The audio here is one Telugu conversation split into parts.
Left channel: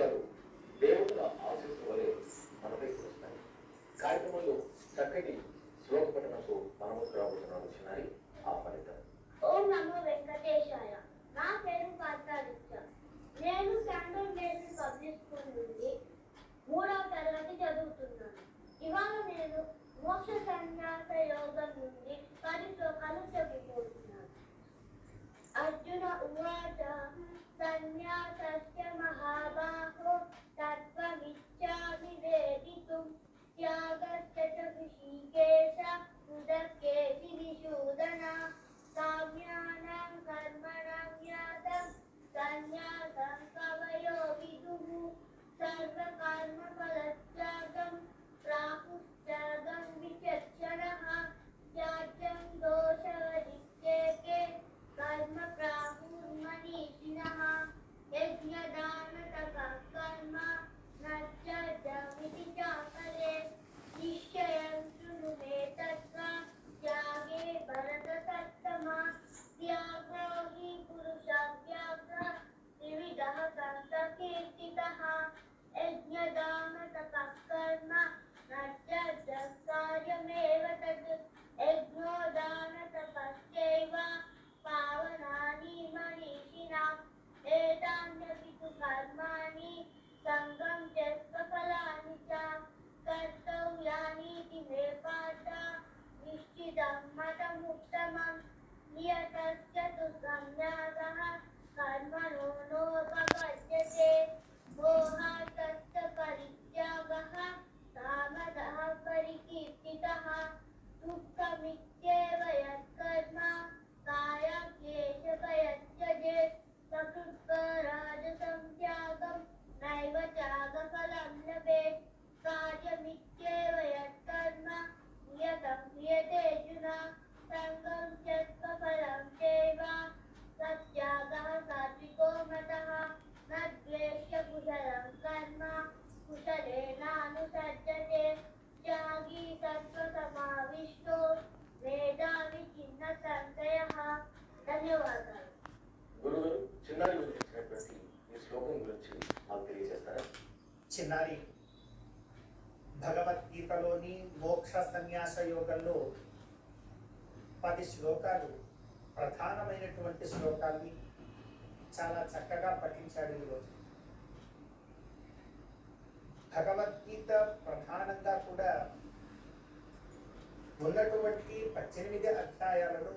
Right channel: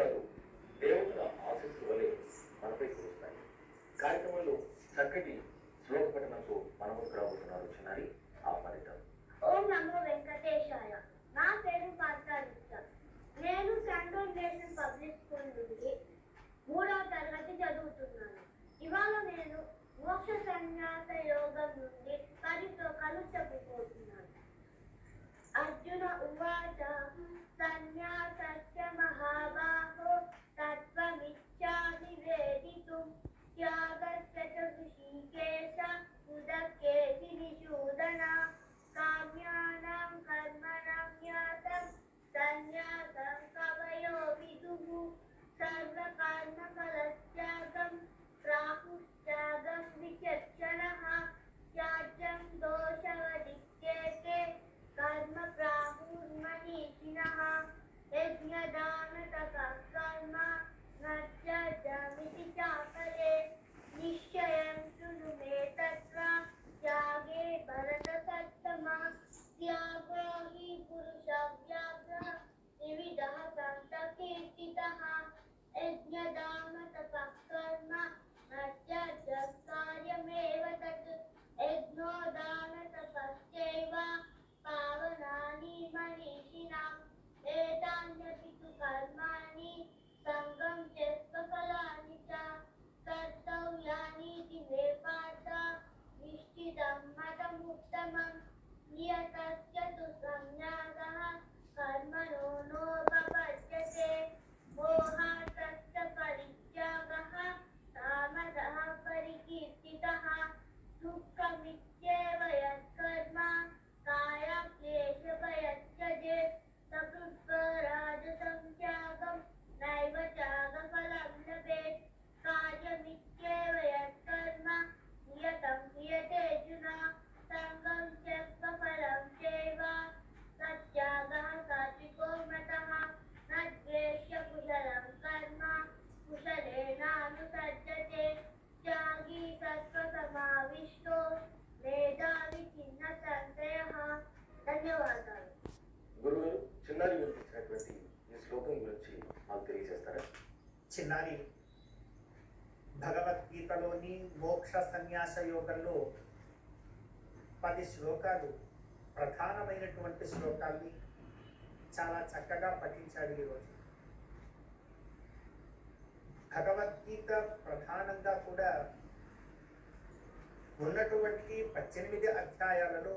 శ్లోకాలు దేవుల ఆశీస్సు వలె మనపై కురుస్తాయి. కార్యక్రమంలో చక్కటి శ్లోక పఠనంతో మనము రాబోతున్నారు చిన్నారి. ఆ ఫలితం. ఓం నమో వెంకటేశాయ. నా పేరు పార్థాదిత్య. నేను శాండోన్ నేషనల్ పబ్లిక్ స్కూల్ నుండి 3వ తరగతి చదువుతున్నాను. ఇవాళ నేను మోక్ష సన్యాస యోగం నుండి 10 శ్లోకాలు చెప్పబోతున్నాను. అర్జున ఉవాచ సన్యాసస్య మహాబాహో తత్వమిచ్ఛామి వేదితుం త్యాగస్య చ ఋషికేశ ఉదక్కేసి విశూదన కామ్యానాం కర్మణాం జ్ఞాతం సన్యాసం కవయో విదుః సర్వకర్మఫలత్యాగం ప్రాహుస్త్యాగం విచక్షణః త్యాజ్యం దోషవదిత్యేకే కర్మ ప్రాహుర్మనీషిణః యజ్ఞదాన తపః కర్మ నత్యజమితి చాపరే నిశ్చయం శృణు మే తత్ర త్యాగే భరత సత్తమా త్యాగో హి పురుషవ్యాఘ్ర త్రివిధః సంకీర్తితః యజ్ఞదాన తపః కర్మ నత్యజం కార్యమేవ తత్ యజ్ఞోదాన తపశ్చైవ పావనాని మనీషిణాం ఏతాన్యపి తు కర్మాణి సంగం త్యక్త్వ ఫలాని చ కర్తవ్యానీతి మే పార్థ నిశ్చితం మతముత్తమం నియతస్య తు సన్యాసః కర్మణో నోపపద్యతే మోహాత్తస్య పరిత్యాగః తామసః పరికీర్తితః దుఃఖమిత్యేవ యత్కర్మ కాయక్లేశభయత్యజేత్ సకృత్పరాజసం త్యాగం నైవ త్యాగఫలం లభేత్ కార్యమిత్యేవ యత్కర్మ నియతం క్రియతేర్జున సంగం త్యక్త్వ ఫలం చైవ సత్యాగః సాత్వికో మతః న ద్వేష్య కుశలం కర్మ కుశలేనానుసజ్జతే త్యాగీ సత్వసమావిష్టో మేధావి చిన్న సంశయః. ధన్యవాదాలు. గురువు చిన్నారి గురించి ఇచ్చినటువంటి ఈ శ్లోకం గురించి మాకు తెలియజేస్తారా? చిన్నారి, భగవద్గీతలోని మోక్ష సన్యాస యోగంలో 10 శ్లోకాలు, ప్రధానమైనటువంటి శ్లోకాల్ని చాలా చక్కగా పఠించాడు ఈరోజు. భగవద్గీత ప్రధానంగా కూడా ఉన్నటువంటి 18 అధ్యాయాలలో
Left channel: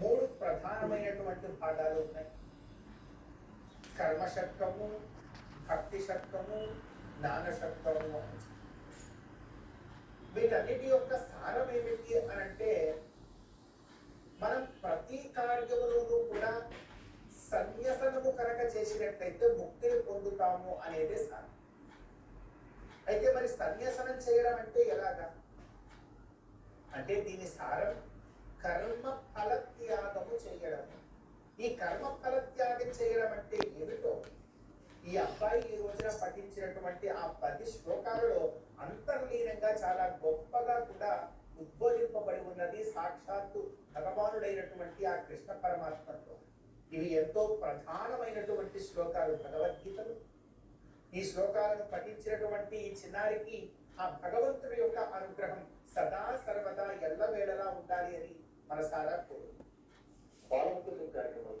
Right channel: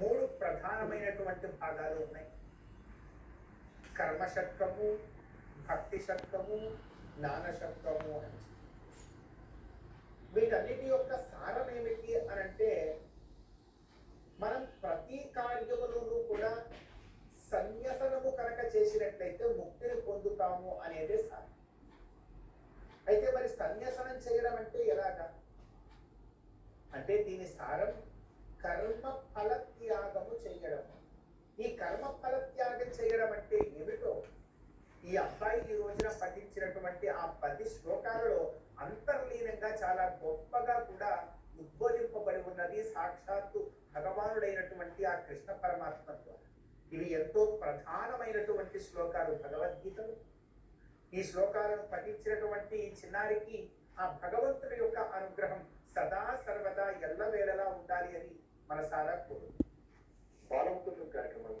3 ప్రధానమైనటువంటి భాగాలు ఉన్నాయి. కర్మషట్కము, భక్తి షట్కము, జ్ఞాన షట్కము అని. వీటన్నిటి యొక్క సారం ఏమిటి అని అంటే, మనం ప్రతి కార్యములోనూ కూడా సన్యసనము కనుక చేసినట్లయితే ముక్తిని పొందుతాము అనేదే సారం. అయితే మరి సన్యసనం చేయడం అంటే ఎలాగా అంటే, దీని సారం కర్మ ఫలత్యాగము చేయడం. ఈ కర్మ ఫలత్యాగం చేయడం అంటే ఏమిటో ఈ అబ్బాయి ఈ రోజున పఠించినటువంటి ఆ 10 శ్లోకాలలో అంతర్లీనంగా చాలా గొప్పగా కూడా ఉద్బోధింపబడి ఉన్నది సాక్షాత్తు భగవానుడైనటువంటి ఆ కృష్ణ పరమాత్మతో. ఇవి ఎంతో ప్రధానమైనటువంటి శ్లోకాలు భగవద్గీతలు. ఈ శ్లోకాలను పఠించినటువంటి ఈ చిన్నారికి ఆ భగవంతుడి యొక్క అనుగ్రహం సదా సర్వదా ఎల్లవేళలా ఉండాలి అని మనసారా కోరు. బాలముకుందం కార్యక్రమం